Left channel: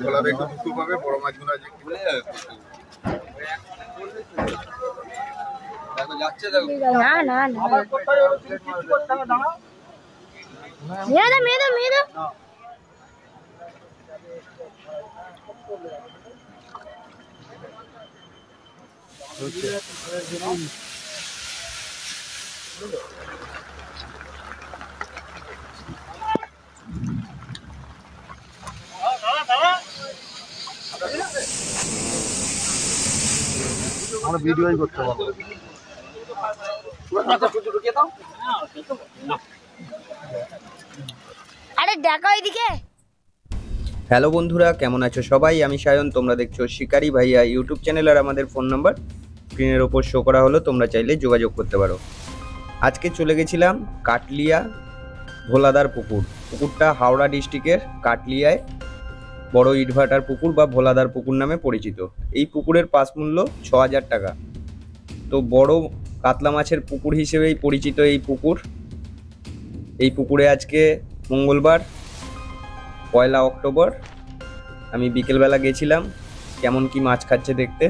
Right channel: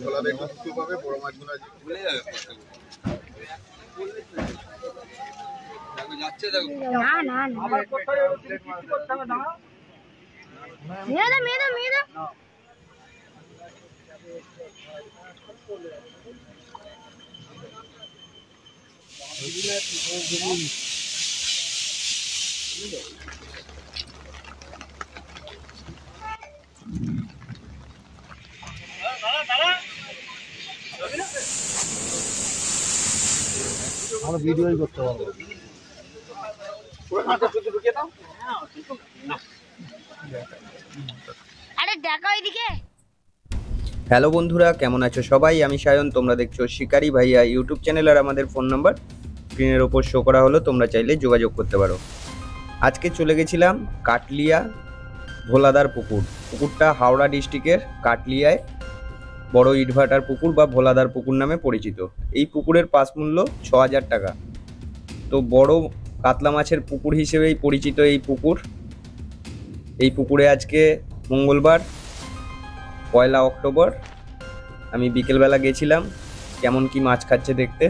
খোলার একটু দুঃখ পাবে, বড় মাছগুলো আছে ভুলে যাবে। দেখো যাচ্ছে, দেখো না না না মেয়েরা মেয়েরা মেয়েরা আমরা ভিডিওই করতে পারবো। আরে দেখা ওইদিকে। হ্যালো বন্ধুরা, কেমন আছো সবাই? আমি সায়ন, তোমরা দেখছো শিকারি ভাইয়া ইউটিউব চ্যানেল। আর আমাদের ফোন নাম্বার স্ক্রিনের ওপর শো করা হলো, তোমরা চাইলে যোগাযোগ করতে পারো। আজকে চলে গেছিলাম কাটলিয়া ভোলাদার পুকুর। পুকুরটা হাওড়া ডিস্ট্রিক্টের কাটলিয়ায় বড় ইটভাটার পুকুর বা ভোলাদার পুকুর নামে পরিচিত। এই পুকুরের পাস মূল্য ৬,০০০ টাকা। তো বড় কাতলা মাছের পুকুর হিসেবেই পরিচিত এই পুকুর। এই পুকুরে আজকে মঙ্গলবার ১ অক্টোবর আমি বিকেলবেলা গেছিলাম কেমন কি মাছ খাচ্ছে দেখতে।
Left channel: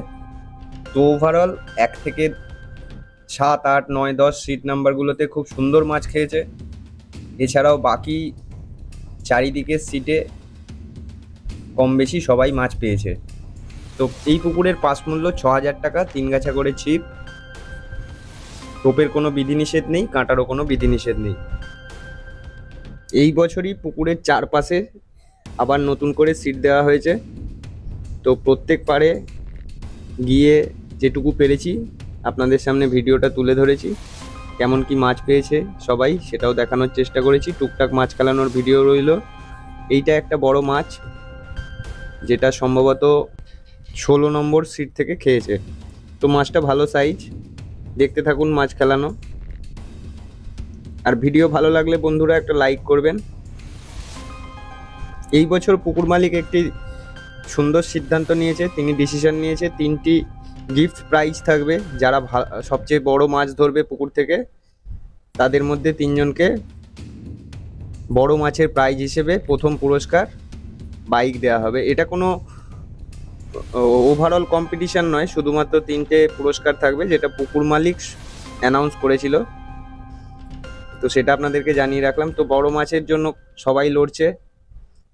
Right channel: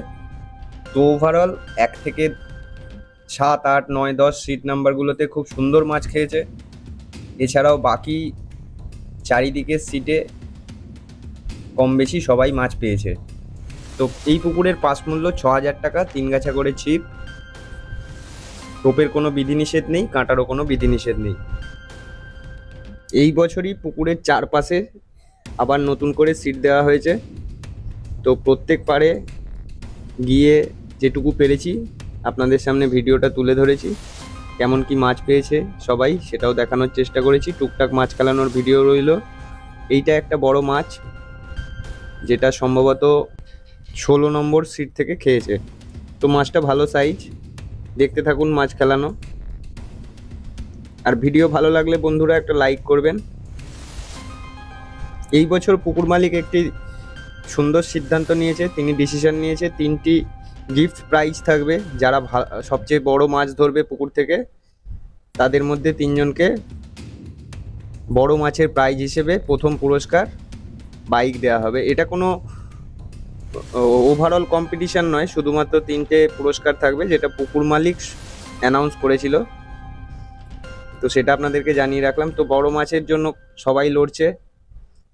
তো ওভারঅল ১ থেকে ৭, ৮, ৯, ১০ সিট নাম্বারগুলোতে খুব সুন্দর মাছ খেয়েছে। এছাড়াও বাকি চারিদিকের সিটে কম বেশি সবাই মাছ পেয়েছে। তো এই পুকুরের পাস মূল্য ৬,০০০ টাকা, ৩ গাছা করে ছিপ। টোপের কোনো বিধিনিষেধ নেই, কাঁটারও কোনো বিধিনিষেধ নেই। এই বছরই পুকুরের চারপাশে আবার নতুন করে সিট দেওয়া হয়েছে। তো প্রত্যেক পাড়ে গিয়ে যেটুকু পেরেছি আপনাদের সামনে ভিডিওটা তুলে ধরেছি। কেমন কি মাছ পেয়েছে সবাই সেটাও দেখানোর চেষ্টা করেছি। টুকটাক মাছ খেলানোর ভিডিও রইল। এইটা একটা বড় মাছ, যেটা সম্ভবত ১৬ নম্বর সিট থেকে খেয়েছে। তো মাছটা ভালো সাইজ। দেখতে থাকুন মাছ খেলানো। আর ভিডিও ভালো লাগলে বন্ধুরা একটা লাইক করবেন। এই বছর পুকুর মালিক একটি সুন্দর সিদ্ধান্ত নিয়েছে, তিনি ডিসিশন নিয়েছে ৩টি গিফট প্রাইজ থাকবে। যারা সবচেয়ে বড় মাছ ধরবে পুকুর থেকে তাদের মধ্যে ৩ জনকে বড় মাছের প্রাইজ হিসেবে প্রথম পুরস্কার বাইক দেওয়া হবে। এটা কোনো ওভারঅল কম্পিটিশন নয়, শুধুমাত্র 3টে পুরস্কার থাকবে, যেটা পুকুর মালিক অ্যানাউন্স করেছিল। তো সেটা আপনাদেরকে জানিয়ে রাখলাম। তো বড় মাছের জন্য সবাই লড়ছে।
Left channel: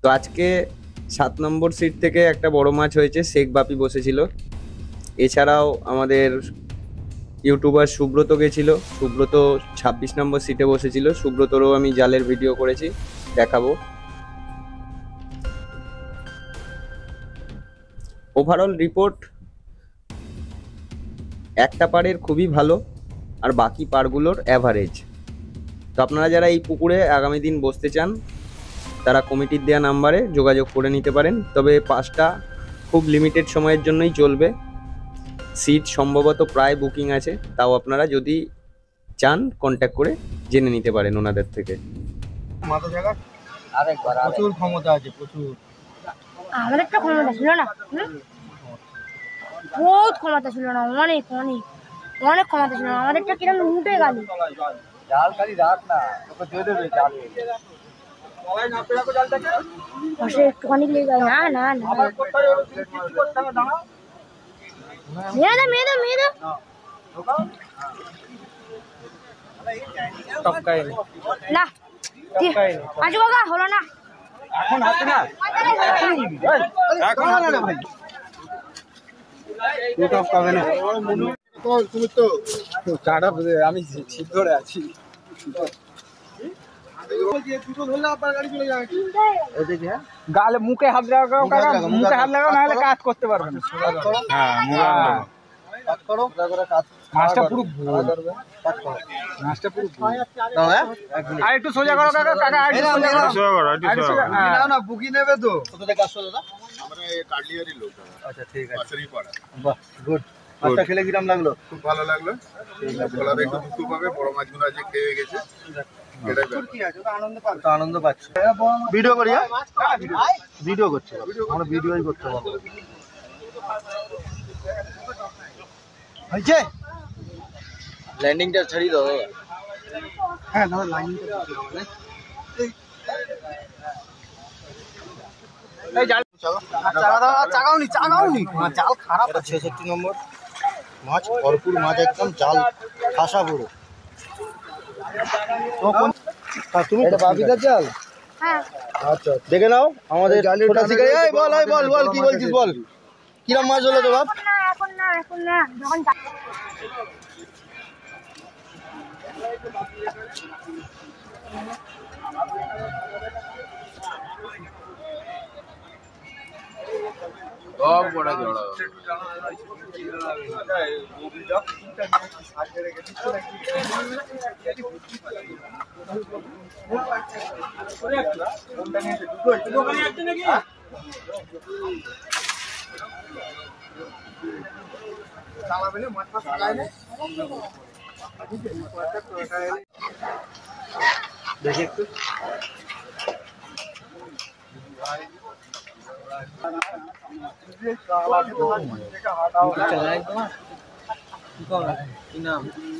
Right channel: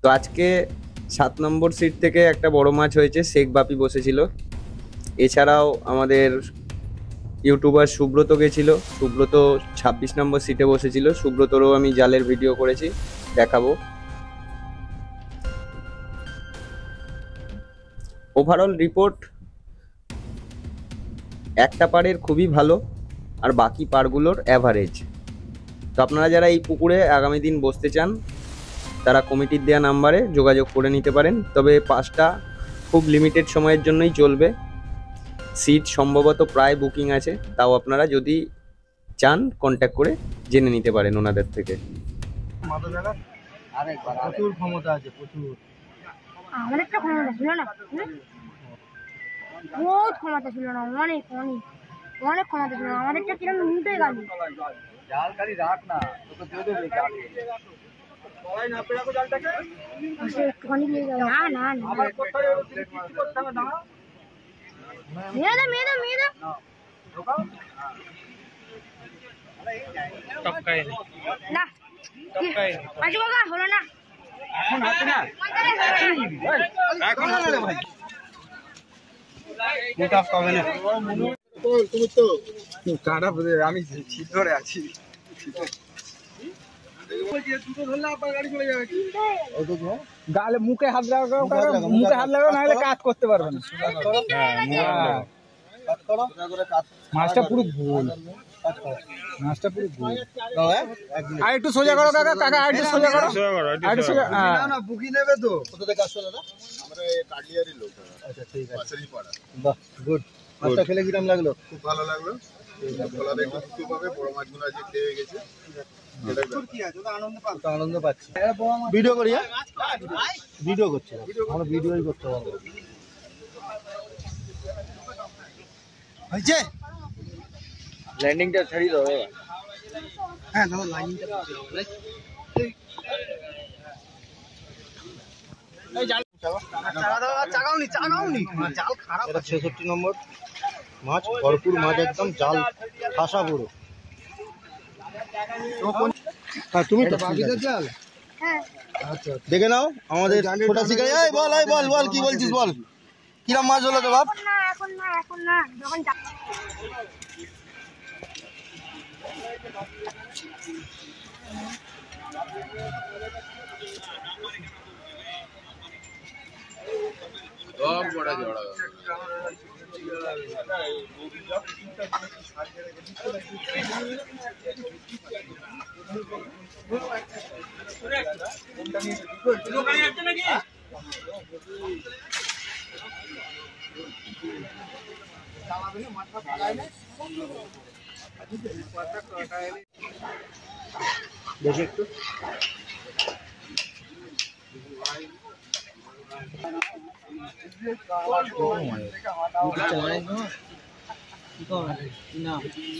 তো আজকে ৭ নম্বর সিট থেকে একটা বড় মাছ হয়েছে, শেখ বাপি বসেছিল। এছাড়াও আমাদের ইউটিউবার সুব্রত গেছিল, সুব্রত ২৬ নম্বর সিটে বসেছিল। সুব্রতরও আমি জালের ভিডিও করেছি, দেখাবো। ওভারঅল রিপোর্ট একটা পাড়ের খুবই ভালো আর বাকি পাড়গুলোর অ্যাভারেজ। তো আপনারা যারা এই পুকুরে আগামী দিন বসতে চান তারা কমিটির দেওয়া নাম্বারে যোগাযোগ করে নিতে পারেন। তবে পাসটা খুব লিমিটেড সময়ের জন্যই চলবে। সিট সম্ভবত প্রায় বুকিং আছে, তাও আপনারা যদি চান কন্ট্যাক্ট করে জেনে নিতে পারেন ওনাদের থেকে। মাথা জায়গা প্রচুর ক্ষমতা আছে, প্রচুর। আমাদের তো ক্ষমতা ছিল না, বহুত ক্ষমতা ছিল না, অনেক অনেক অনেক ক্ষমতা ছিল না। আমাদেরটা কিরকম উঠে গেল। জাল খালি রাখ না, তোকে দিয়ে দেবে জালে। একটুখানি লেগে গেল। না না না মেয়েরা মেয়েরা মেয়েরা না আজু কাকা হলো না এখন হাতে না, এখন হাতে না ভাই। টপ পাবে না তুমি তো কাটা, আমি ছিপ ধরে আছি। গালে মুখে হাত লাগাও, মুখে হাত লাগাও, নাহলে কাজ করতে পারবে না। মাছটা পুরো আর একটু সোজা করো কাকা, কাকা আর একটু সোজা করো, আর একটু সোজা না, বুকি নেবে তো। কোথায় কাজ করো দাদা? আমরা এই কাটলিয়ারই লোক। আচ্ছা ঠিক আছে, পাশেরই পাড়া। বাহ গুড। মাছটা খেলে কিরম লাগলো? খুব ভালো লাগলো। খোলার একটু দুঃখ পাবে, বড় মাছগুলো আজকে খেয়ে গেছে। আনন্দ পাচ্ছি। ভিডিও করি, ভিডিও করছি, আমরা ভিডিওই করতে পারবো। হয়েছে ল্যান্ডিংটা ছাড়িয়ে দাও। হ্যাঁ দাদা, লাইনটা চাগাওনি জাল খারাপ আছে। 66 নম্বর মাছ, ভরপুর মাছ, একদম জাল ঠাসা পুরো। তুমি বাবিদার জাল? হ্যাঁ আচ্ছা দেখে নাও আমাদের ছোটা শিকারি। এই বল, এই বল বল কি বলছিস বল, কিরম মাছ হলো তো বাপ? এখন না যখন সব বড় জড়া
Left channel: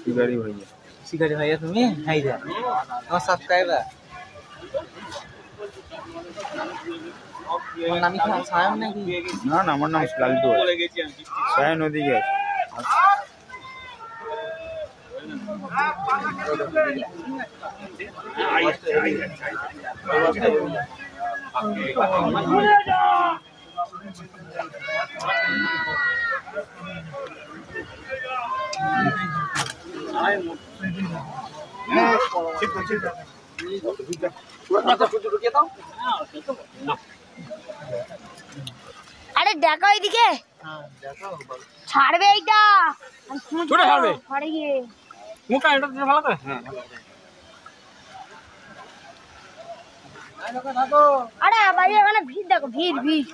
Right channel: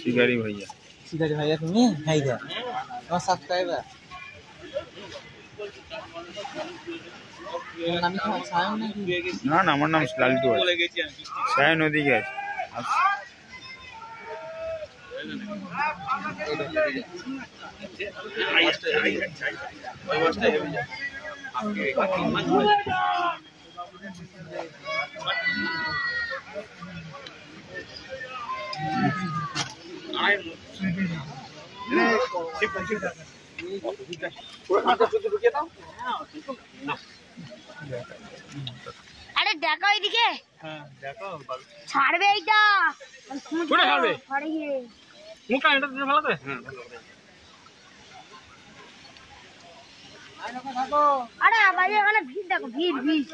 শিকারি ভাইয়া। শিকারি ভাইয়া তুমি? হাইদা আমার সাবস্ক্রাইবার। তোমার নাম কি সায়ন নাকি? না না, আমার নাম লালিত। সায়ন ওদিকে আছে। আরে দেখো এইদিকে, ছাড়বে এইটা ছাড়বে ছাড়ে গিয়ে মুখটা এটা দিয়ে ভালো করে। আরে বাইরে মানে ভিড় দেখো, ভিড় ভিড়।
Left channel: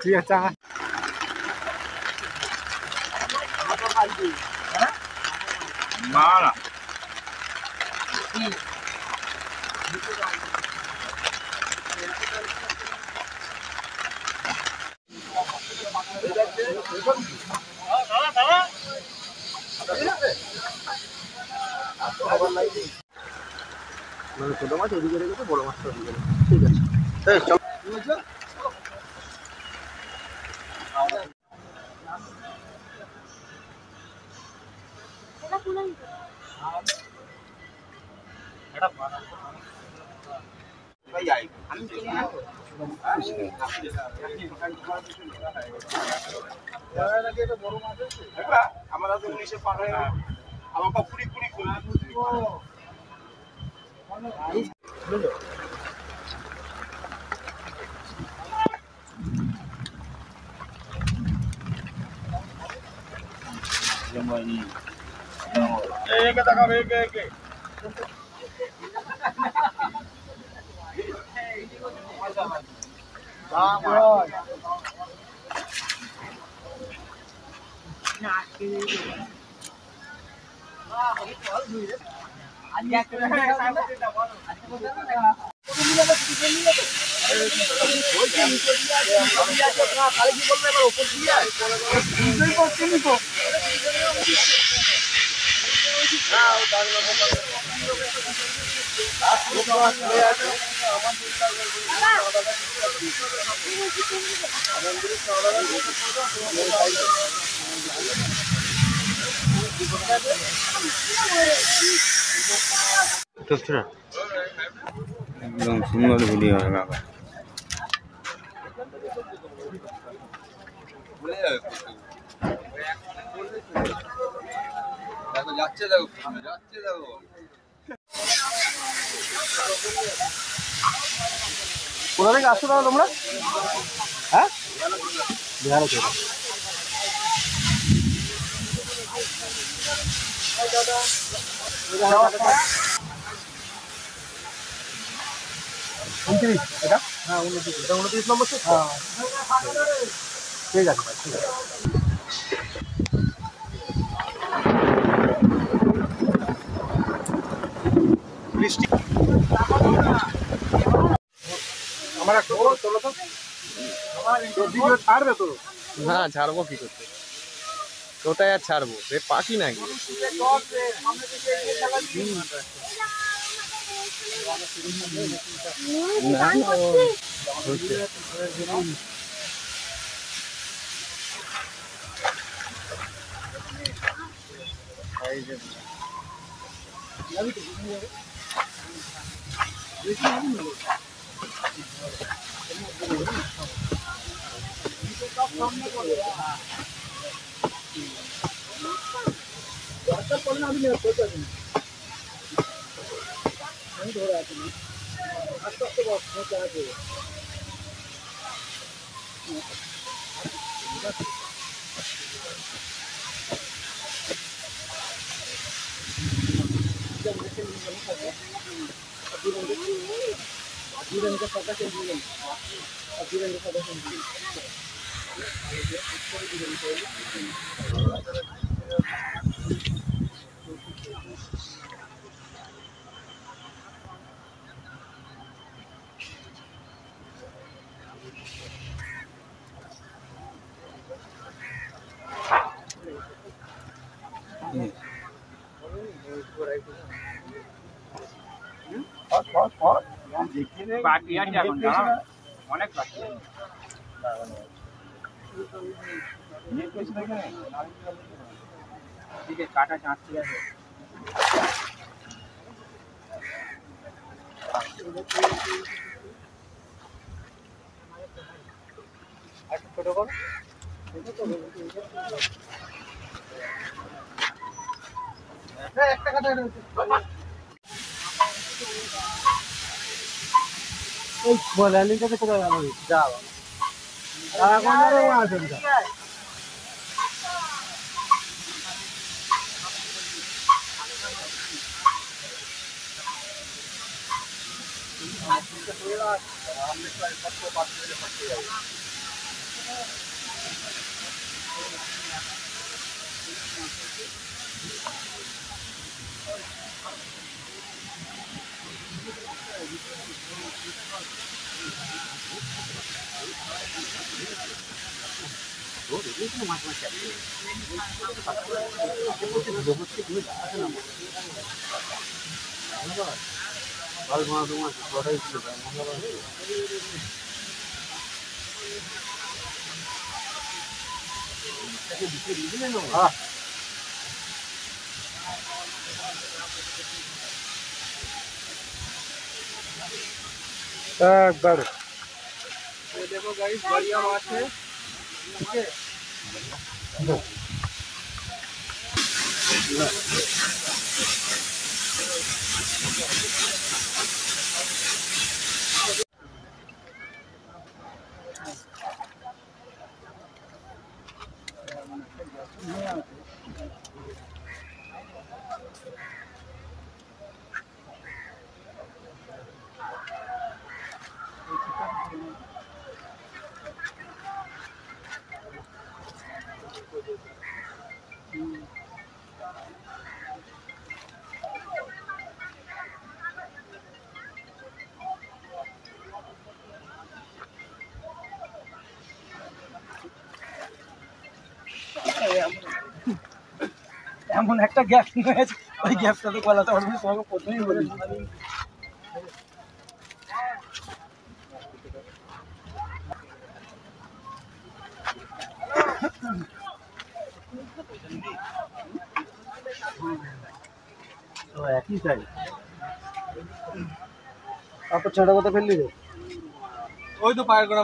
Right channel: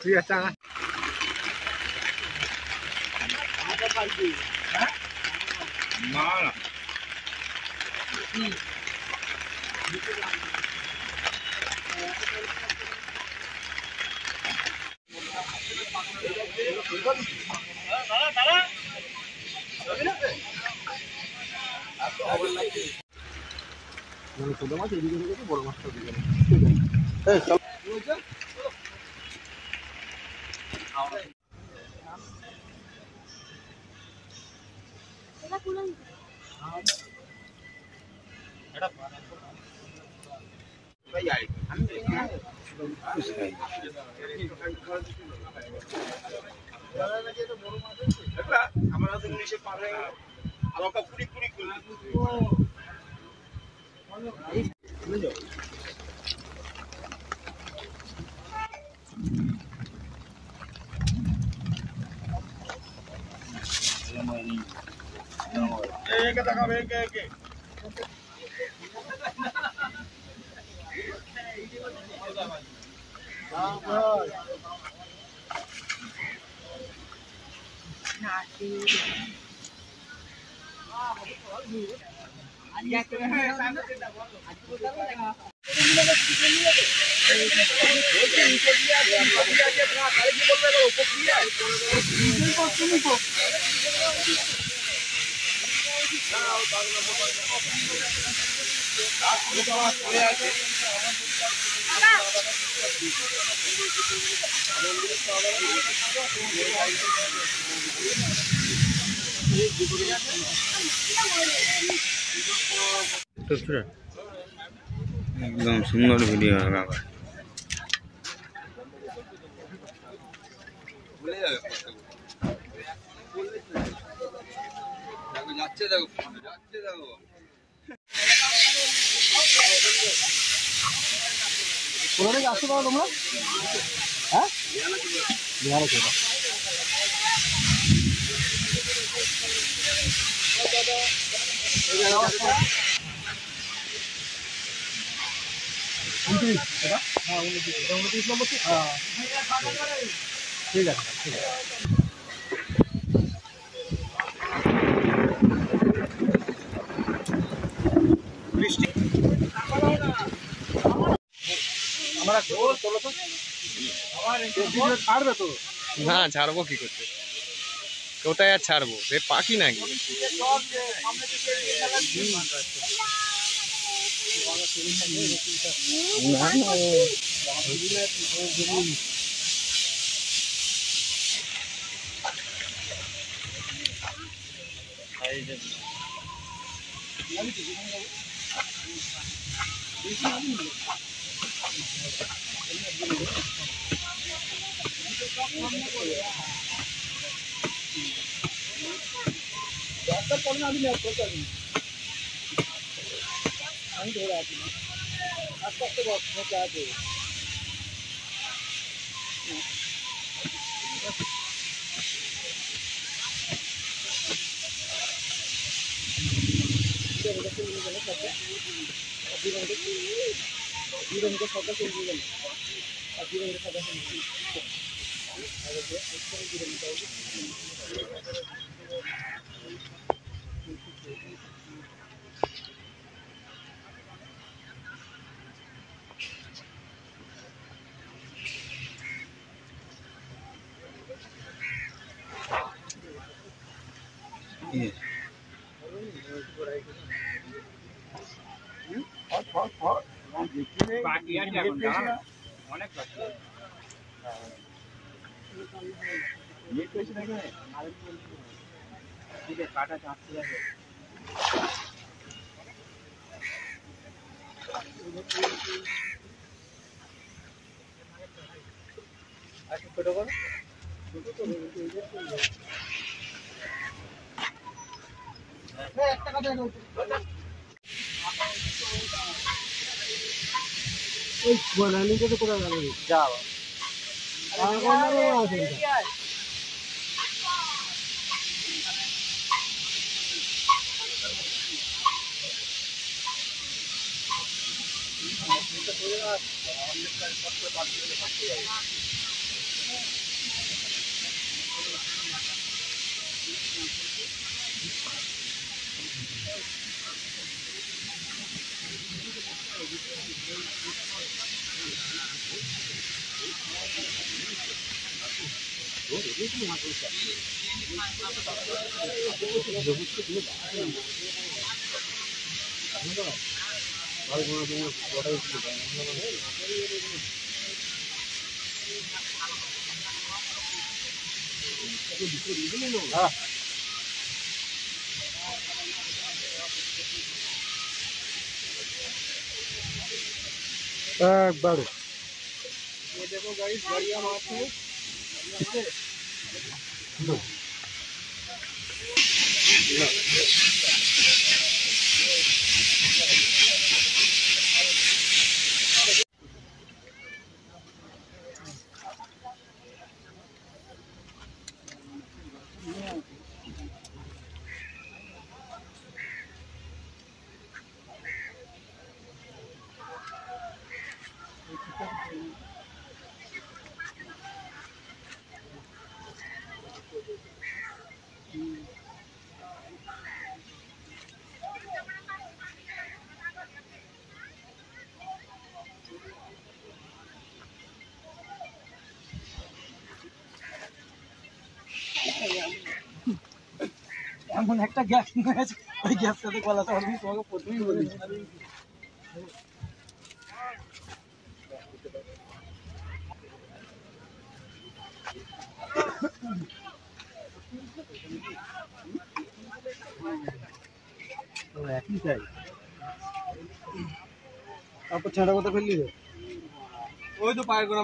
ঠিক আছে না না মানে ছোট মাছ এদিকে রেখেছে, বড় মাছটা ওদিকে। ঠিক আছে আমরা তো 19 পার হয়ে গেল। আমার পা পুরি পুরি করে একে দেখাবে, একে একে একদম সুন্দর ভিডিও হবে। দেখো যাচ্ছে, দেখো যাচ্ছে, দেখো কোথা থেকে আসছো দাদা তোমরা? হ্যাঁ বিহার থেকে। এটা হ্যাঁ 29 নম্বর। হ্যাঁ ঠিক আছে ভাই, ঠিক আছে। বৃষ্টি আমরা চলো তো ছাড়বে তো? না ছাড়বো কি করতে, কোথায় আর ছাড়বো, সে পাখি নাকি। বাকি আছে এখন জানো? অনেক বাকি কাটা চাঁচি আছে। এমন একটা গ্যাপ হয়েছে, ওই গ্যাপটাতে গলাতে পারবি, তোমাকে প্রথমেই বলি। তো একই চাই, তারপর ছোট কথা ফেললি রে, ওই তো পায়ের গোড়া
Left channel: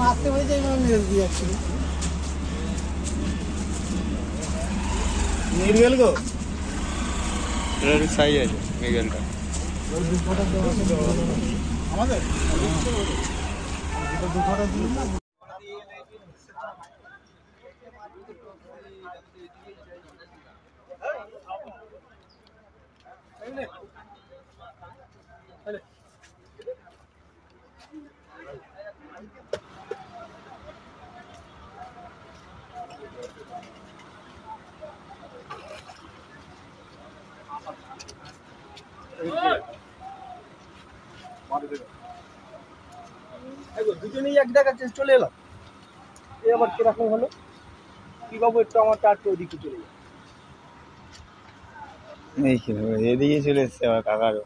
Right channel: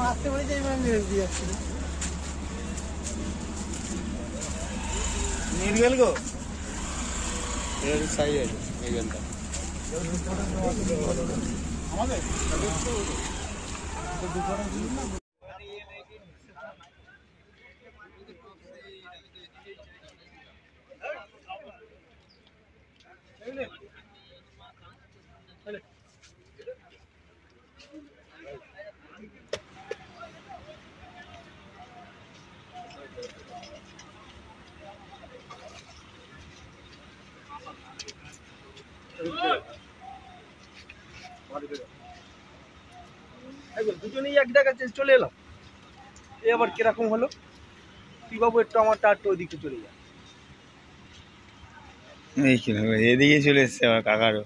মারতে হয়ে যায়, মেরে দিয়ে যাচ্ছিল নির্গেল গো, এটা সাই আছে মেঘেলটা। আমাদের দুজনেই এক জায়গা চলে এলাম, এ আবার কিরকম হলো? কি বাবু, একটু আমারটা একটু ওদিকে চলে যায়, এদিকে চলে এসছে আমার কাকারও।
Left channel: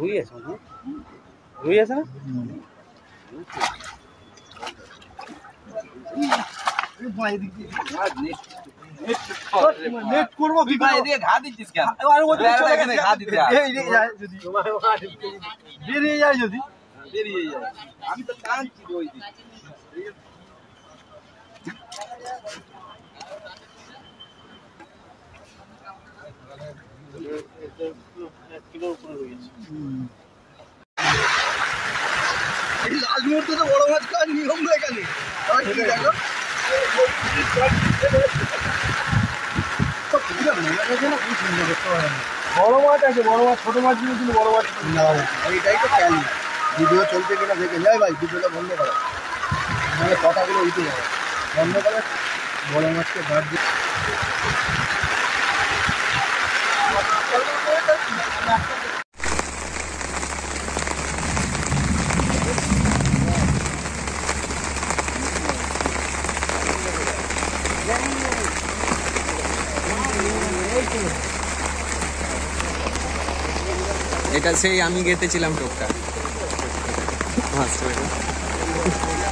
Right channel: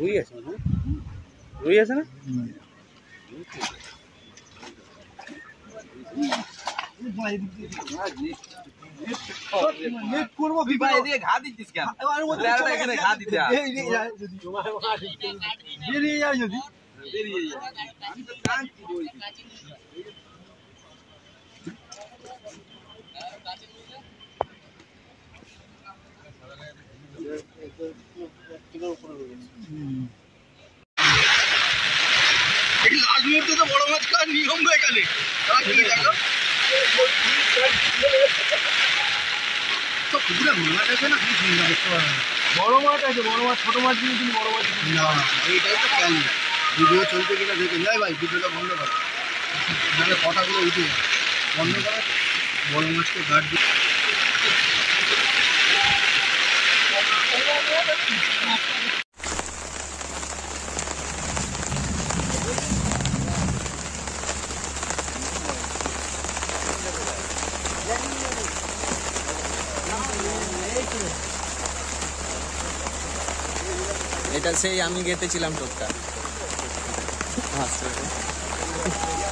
রুই আছে না? রুই আছে না? নেট করবো কি ভাই এদিকে ঘা দিচ্ছিস কেন? আরে ও আরে এখানে ঘা দিতে হয়। বেরিয়ে যায় যদি বেরিয়ে যায়। আমি তো কাঁদছি ওই দিকে। এই লাস্ট মুহূর্তে তো বড় মাছ খাওয়ার নিয়ম এখানে কি দেখো তো পুরো মাছ আছে না খুব সুন্দর দেখতে পারেন বড় মাছ আছে বড় মাছ ছোট মাছ নিয়ে কিন্তু বড় মাছ না এইটাই তো খেয়াল ভিডিও চলছে কিনা দেখে যাই ভাই ভিডিওটা বন্ধ করো মানে কথাগুলো উঠে যাবে বন্ধ করো বড় মাছকে গার্ড দিয়ে এটা সেই আমি গেতেছিলাম টোপটা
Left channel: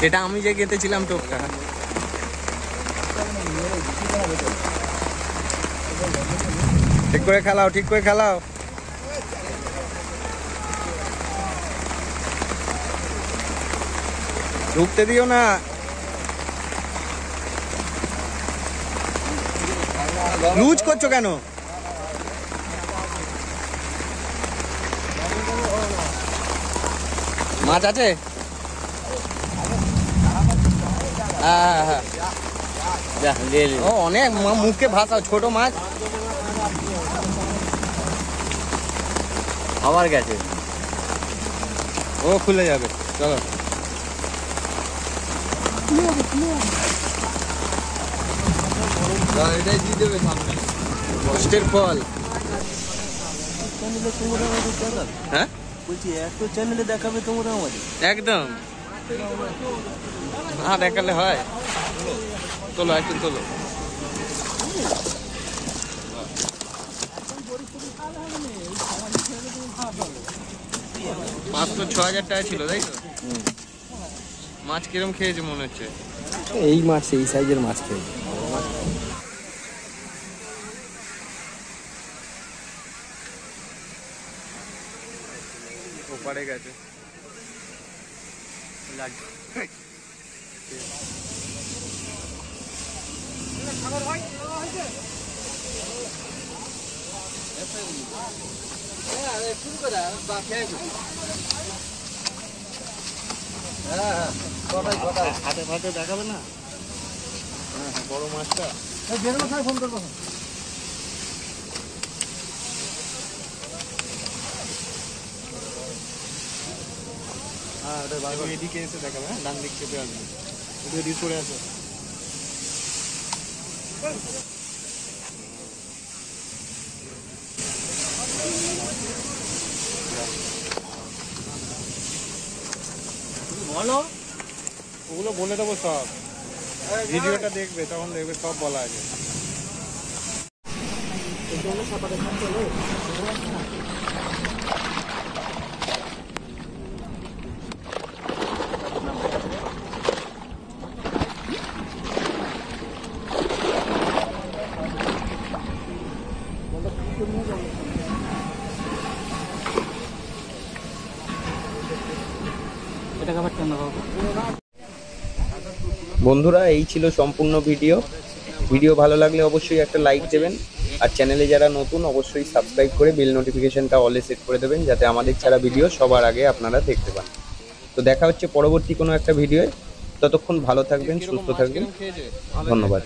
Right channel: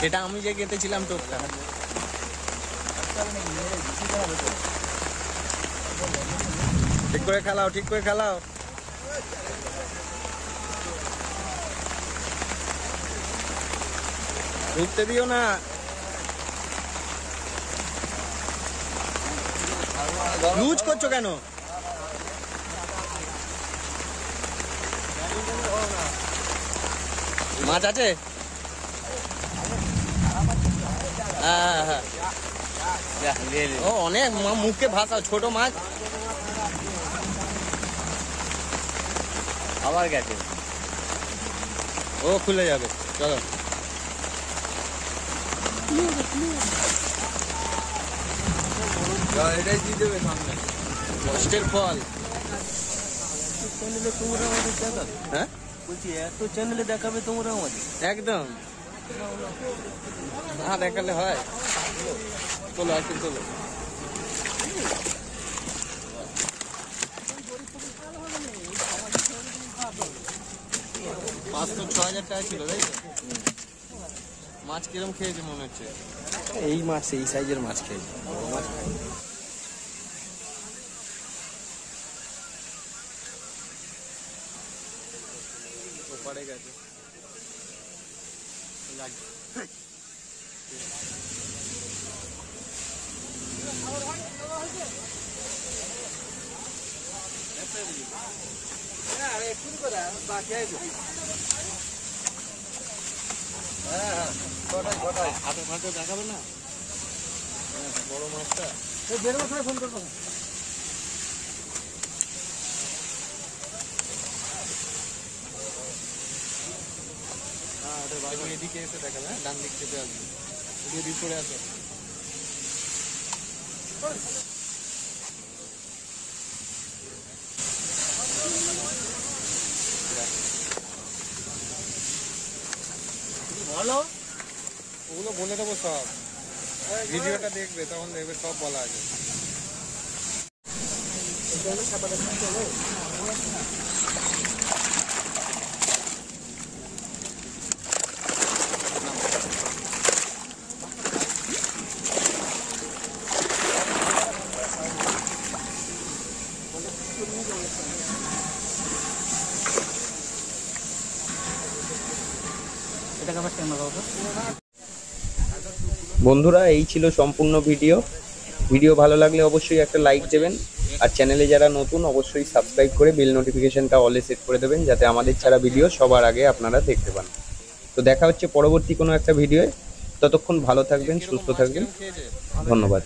এটা আমি যে গেতেছিলাম টোপটা ঠিক করে খেলাও ঠিক করে খেলাও ঢুকতে দিও না লুজ করছো কেন মাছ আছে হ্যাঁ হ্যাঁ ও অনেক মুখে ভাসাও ছোট মাছ আবার গেছে ও খুলে যাবে চলো এটাই দিয়ে দেবে সামনে কষ্টের ফল হ্যাঁ বলছি এত চ্যানেলে দেখাবে তোমরা আমাদের একদম হ্যাঁ দেখালে হয় তোলো একটু তোলো 500-6,000 টাকা ছিল তাই তো মাছ কিরম খেয়েছে মনে হচ্ছে এই মাছ এই সাইজের মাছ খেয়ে ওপারে গেছে হাতে ফাতে দেখাবে না বড় মাছটা ফোন করবো এবার এদিকে এসে দেখাবে, হ্যাঁ ডান দিক চেপে আসবে, এদিকে সরে আসো। বলো ওগুলো বলে দেবো সব, ভিডিওটা দেখবে তখন দেখবে সব বলা আছে। বন্ধুরা এই ছিল সম্পূর্ণ ভিডিও ভালো লাগলে অবশ্যই একটা লাইক দেবেন, আর চ্যানেলে যারা নতুন অবশ্যই সাবস্ক্রাইব করে বেল নোটিফিকেশনটা অলে সেট করে দেবেন, যাতে আমাদের ছাড়া ভিডিও সবার আগে আপনারা দেখতে পান। তো দেখা হচ্ছে পরবর্তী কোনো একটা ভিডিওয়ে, ততক্ষণ ভালো থাকবেন, সুস্থ থাকবেন, ধন্যবাদ।